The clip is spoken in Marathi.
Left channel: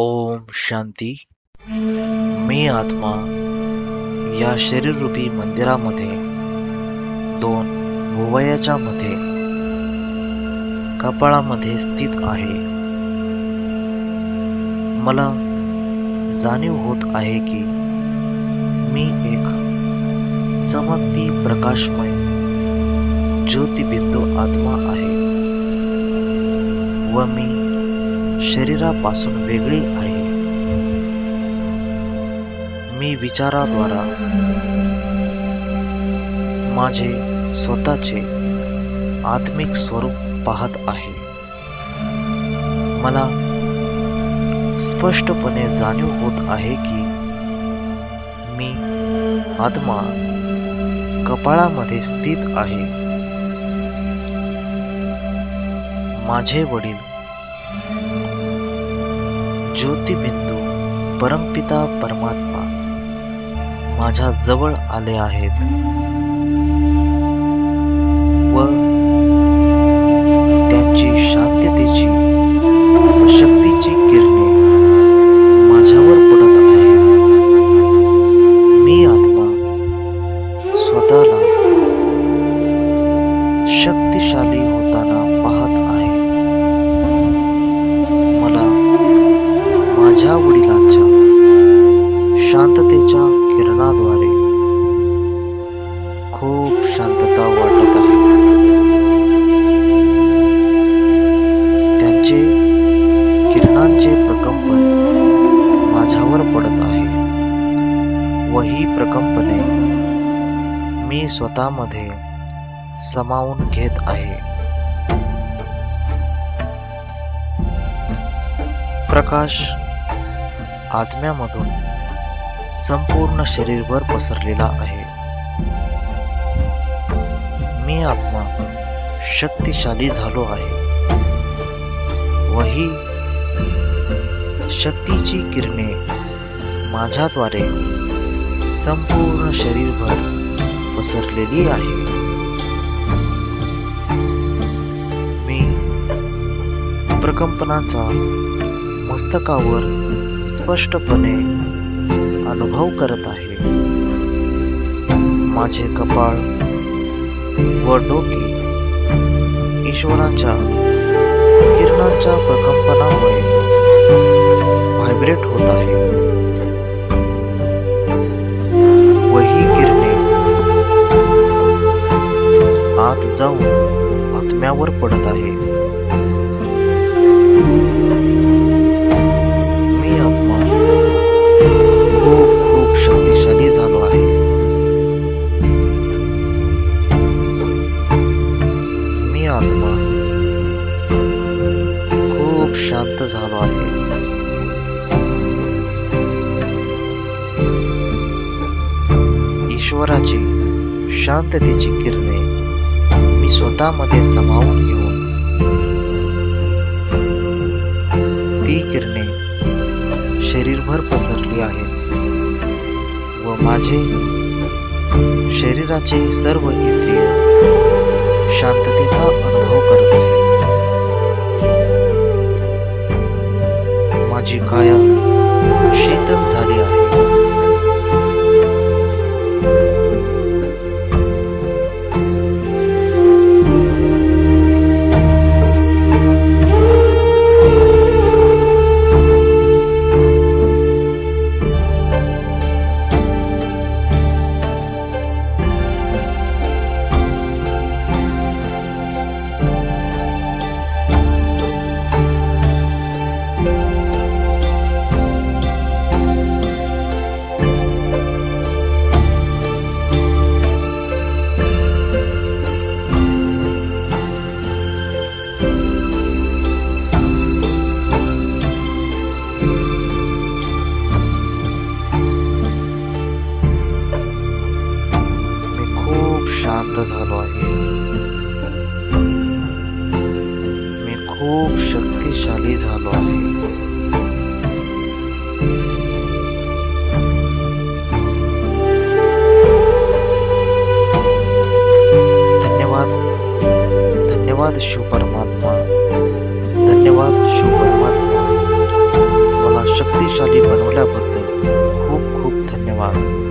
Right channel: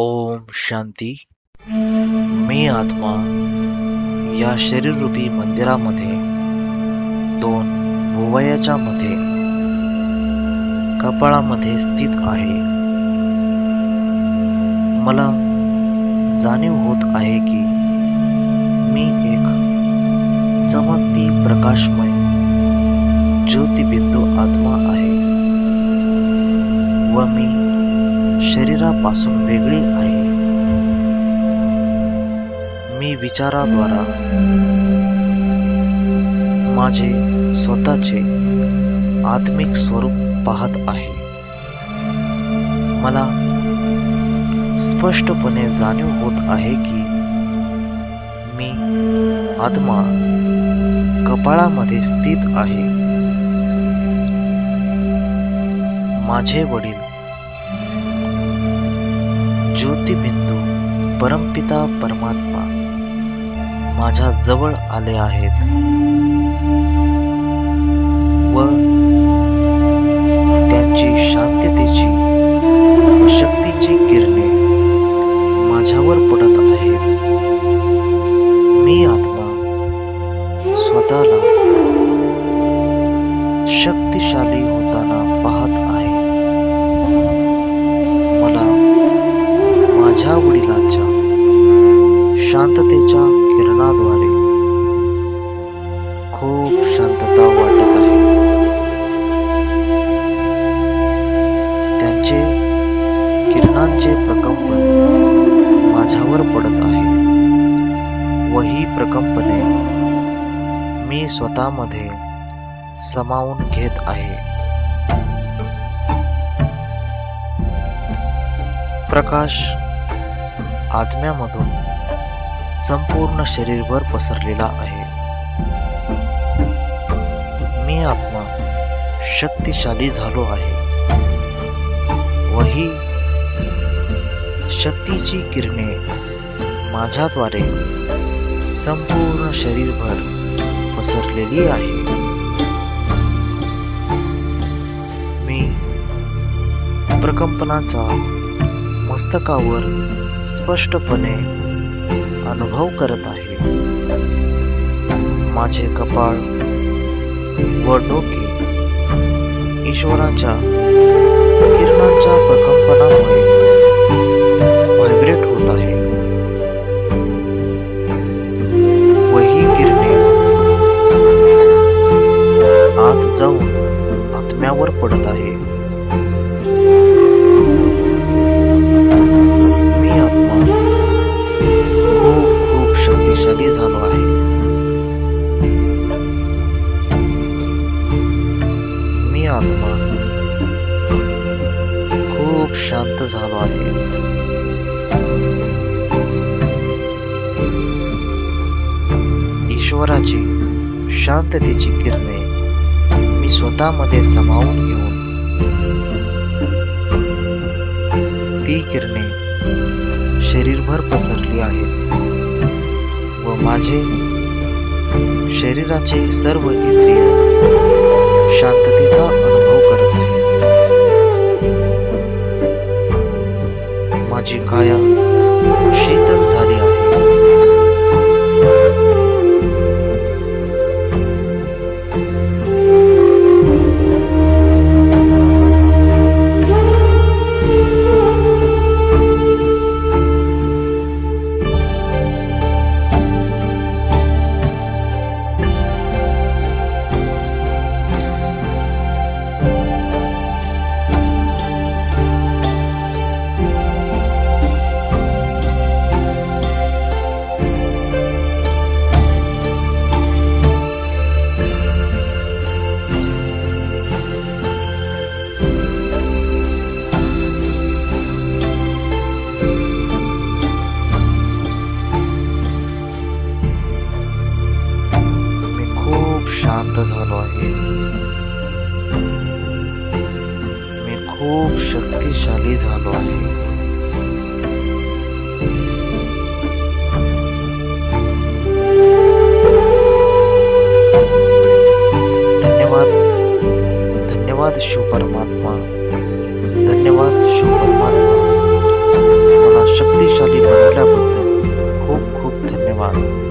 ओम शांती. मी आत्मा या शरीररूपी मंदिरामध्ये दोन भुवयाच्या मध्ये कपाळामध्ये स्थित आहे. मला जाणीव होत आहे की मी एक चमकती प्रकाशमय ज्योतिबिंदू आत्मा आहे व मी शरीरापासून वेगळी आहे. मी विचाराद्वारा माझे स्वतःचे आत्मिक स्वरूप पाहत आहे. मला स्पष्टपणे जाणीव होत आहे की मी आत्मा कपाळामध्ये स्थित आहे. माझे वडील ज्योतिबिंदू परमपिता परमात्मा माझ्या जवळ आले आहेत व त्यांची शांततेची व शक्तीची किरणे माझ्यावर पडत आहेत. मी आत्मा स्वतःला शक्तिशाली होताना पाहत आहे. मला माझ्या वडिलांच्या शांततेच्या किरणाद्वारे खूप शांतता वाटत आहे. त्यांचे किरणांचे प्रकंपन माझ्यावर पडत आहे व ही प्रकंपने मी स्वतःमध्ये सामावून घेत आहे. प्रकाश आत्म्यामधून संपूर्ण शरीरभर पसरलेला आहे. मी आत्मा शक्तिशाली झालो आहे व ही शक्तीची किरणे माझ्याद्वारे संपूर्ण शरीरभर पसरलेली आहे. मी प्रकंपनाचा मस्तकावर स्पष्टपणे अनुभव करत आहे. माझे कपाळ व डोके ईश्वराच्या किरणांच्या प्रकंपनामुळे व्हायब्रेट होत आहे व ही किरणे आत जाऊन आत्म्यावर पडत आहे. खूप शक्तिशाली झालो आहे. मी आत्मा खूप शांत झालो आहे. ईश्वराची शांततेची किरणे मी स्वतःमध्ये सामावून घेऊन ती किरणे शरीरभर पसरली आहेत व माझे शरीराचे सर्व इंद्रिय शांततेचा अनुभव करत आहेत. माझी काया शीतल झाली आहे. शांत झालो आहे. मी खूप शक्तिशाली झालो आहे. धन्यवाद धन्यवाद शिव परमात्मा. धन्यवाद शिव परमात्मा. मला प्रभावशाली बनवल्याबद्दल खूप खूप धन्यवाद.